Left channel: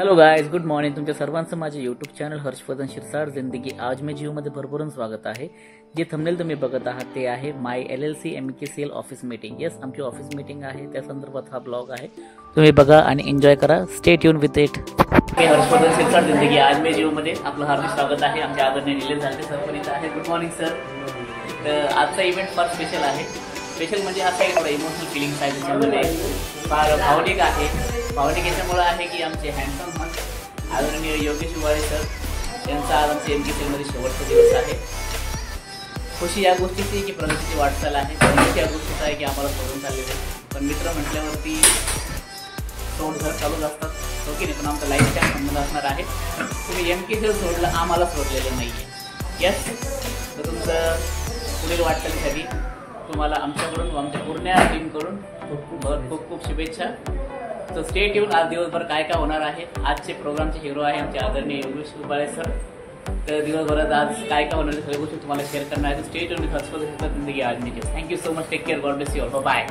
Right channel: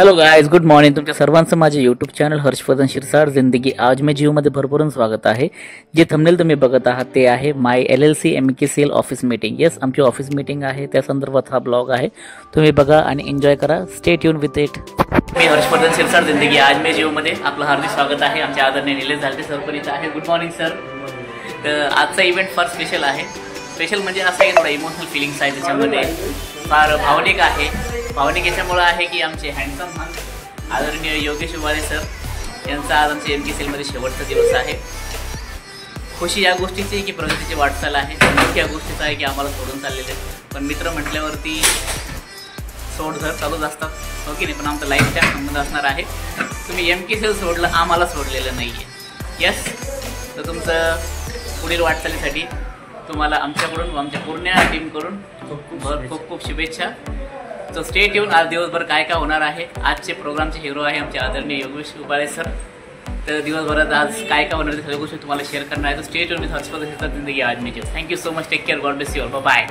Hello guys, good morning. तुमच्या सर्वांचं माझे यूट्यूब चॅनल हर्षवर्धन शिरसाट जिंदगी आज में जिओ मध्ये भरभरून स्वागत आहे. जे थंबनेल तुम्ही बघत आहात ते आहे माय LLC MKCL office meeting. Yes, आमची ऑफिस मीटिंग आहे, त्या संदर्भात हा ब्लॉग आहे. तुम्ही बघा आणि एन्जॉय करा. Stay tune with it. मी हर्षवर्धन शिरसाट जिंदगी आज में जिओ मध्ये आपलं हार्दिक स्वागत आहे. आमच्या आदरणीय निलेश झालते सर पण इथं आहे. Good morning sir. तर आजचा इव्हेंट फार स्पेशल आहे. स्पेशल म्हणजे असं आहे, थोडा इमोशनल फिलिंग्स आहे त्याच्यामध्ये, फार भावनिक आहे. भावनिक याच्यामुळं आहे की आमचे हँडसम आदरणीय योगेश उबाळे सर यांचा आज आमच्या MKCL शेवटचा दिवस आहे. खुशी या गोष्टीची की प्रगतीची वाटचाल आहे, पण दुःख या गोष्टीचा आहे की आम्हाला सोडून चाललेले. पण मित्र म्हटल्यावरती सोडझर चालूच असतात, हो की नाही. पण आमचा लाईफ टाईम संबंध असणार आहे. तुम्ही MKCL सोडलं, आम्हाला सोडलेलं नाही आहे. यस, तर तुमचं पुढील वाटचालीसाठी तुम्हाला आमच्याकडून, आमच्या पूर्ण टीमकडून खूप खूप शुभेच्छा. तो स्टे ट्यून. आज दिवसभर काय काय होणार आहे. आजचे प्रोग्रामचे हिरो आहे आमचे आदरणीय योगेश उबाळे सर. तर दिवसभरात आज काय काय होणार आहे सगळ्या गोष्टी तुम्हाला शेअर करणार आहे. तो stay tune with Harshvardhan Shirsat जिंदगी आज में जिओ. Thank you so much. Take care. God bless you all. Bye.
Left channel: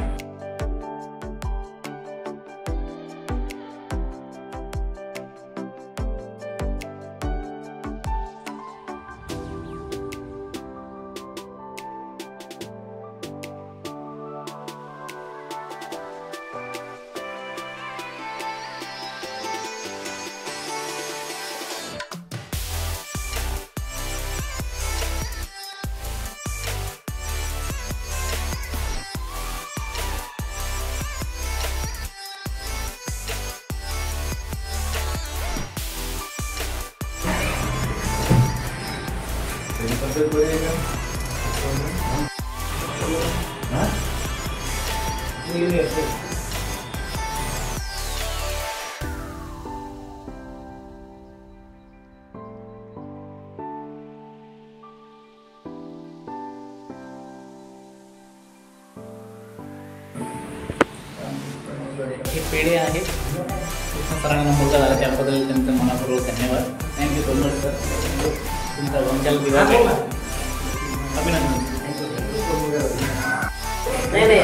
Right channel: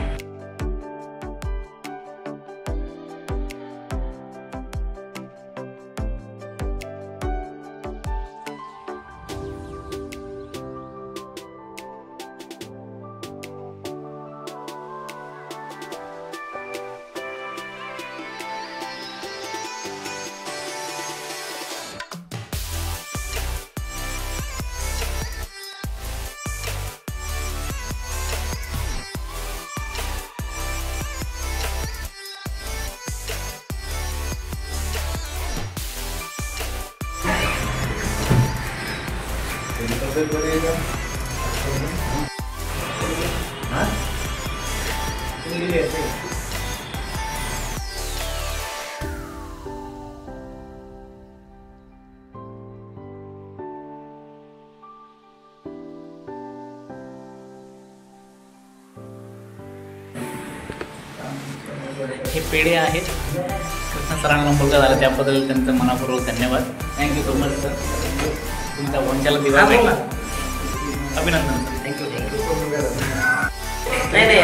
हे पेढे आहेत. कृष्ण सरांना मुलगा झाला त्याबद्दल त्यांचं मनापूर्वक धन्यवाद. Thank you so much sir. तुमच्या वंशाला दिवा अभिनंदन. थँक्यू. नाही नाही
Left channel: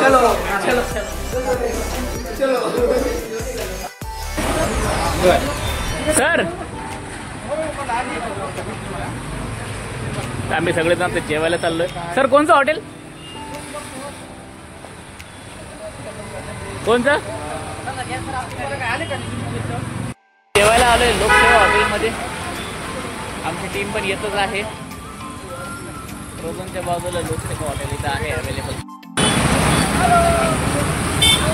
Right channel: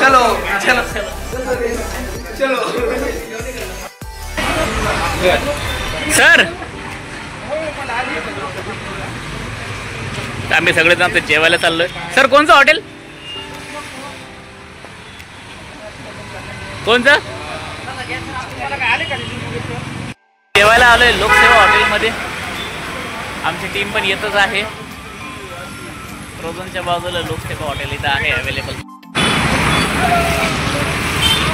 चलो चलो चलो सर. आम्ही सगळेजण जेवायला चाललोय. सर कोणचं हॉटेल, कोणचं? जेवायला आलोय लोकसेवा हॉटेलमध्ये. आमची टीम पण येतच आहे. रोजनच्या बाजूला लोकसेवा हॉटेल इथं आहे अवेलेबल.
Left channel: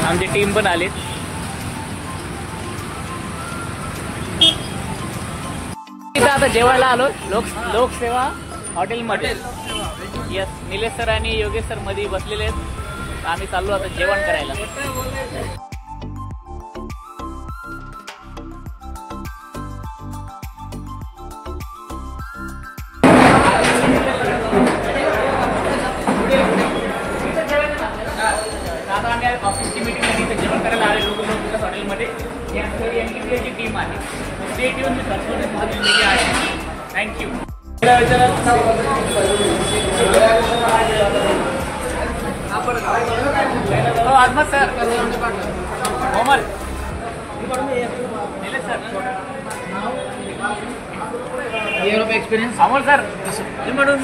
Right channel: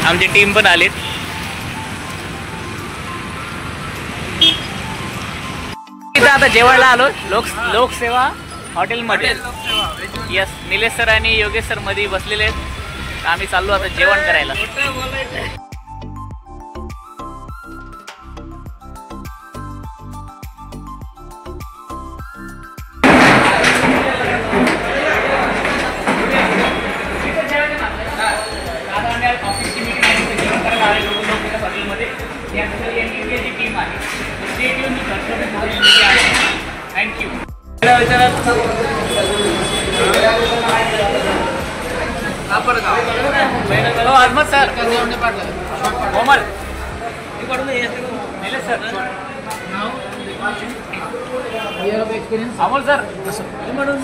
आमची टीम पण आलीत. इथं आता जेवायला आलो लोकसेवा हॉटेलमध्ये. यस, निलेश सर आणि योगेश सर मध्ये बसलेले आहेत. आम्ही चाललो आता जेवण करायला. आता आम्ही ऑफिसची मीटिंग आहे, जेवण करायला आले लोक हॉटेलमध्ये. MKCL टीम आहे. Thank you. Azmat sir, Komal year of experience. Amol sir म्हणून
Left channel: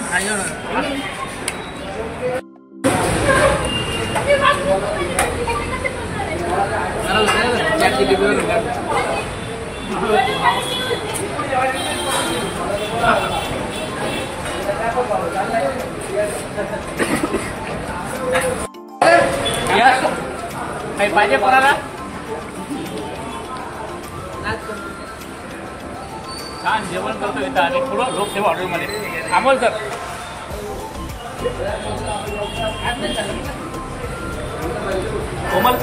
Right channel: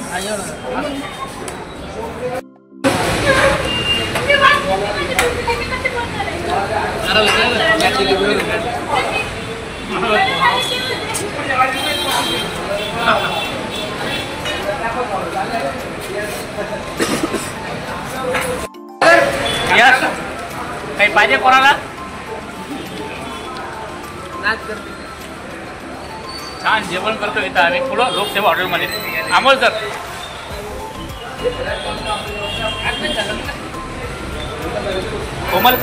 काही पाहिजे कोणाला? छान जेवण करतो इथं आम्ही पुढं लोकसेवा हॉटेलमध्ये. अमोल सर, कोमल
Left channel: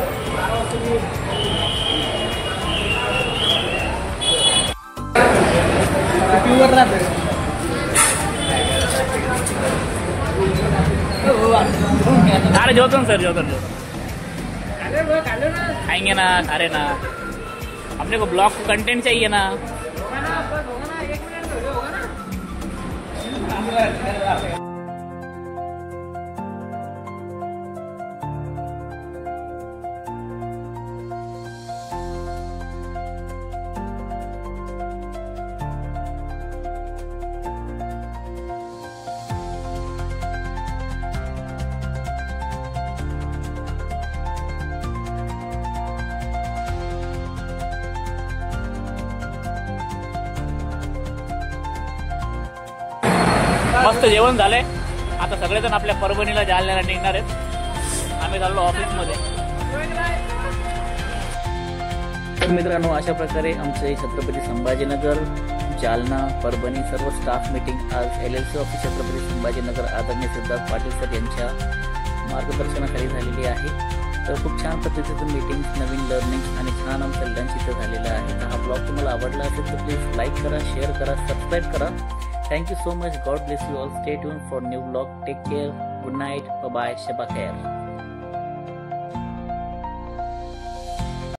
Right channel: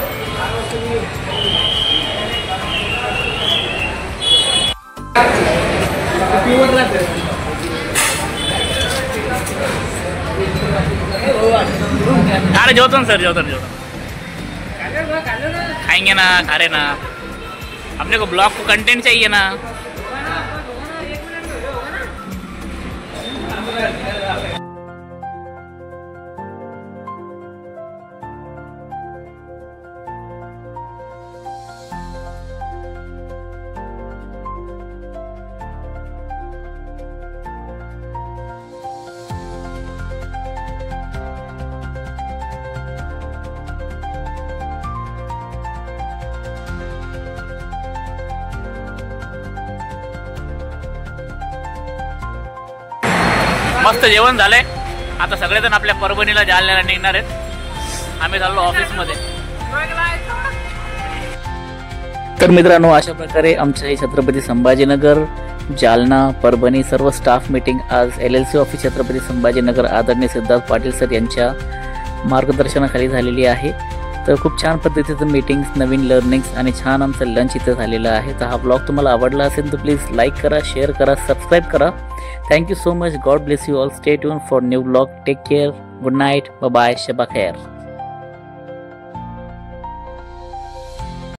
अरे जेवतो सर, जेवतो खाएंगे ना, खा रहे ना. अपने को ब्लॉग को कंटेंट चाहिए ना. मस्त जेवण झालंय. आता सगळेजण आपल्या परभणीला जालन्याला निघणार आहेत. आम्ही चाललो ऑफिसमध्ये. तर मित्रांनो, अशा प्रकारे आमचे छत्रपती संभाजीनगर, जालना, परभणी सर्व स्टाफ मीटिंग आज LLC ऑफिस छत्रपती संभाजीनगर आदरणीय सिद्धार्थ पाटील सर यांच्या मार्गदर्शनाखाली झालेली आहे. तर खूप छान पद्धतीचं मीटिंग्स, नवीन लर्निंग्स आणि छान आमचं लंच इथं झालेलं आहे. तर हा ब्लॉग तुम्हाला आवडला असेल तर प्लीज लाईक करा, शेअर करा, सबस्क्राईब करा. Thank you so much. God bless you all. Stay tune for new blog. Take care. Good night. Bye. शबा खैर.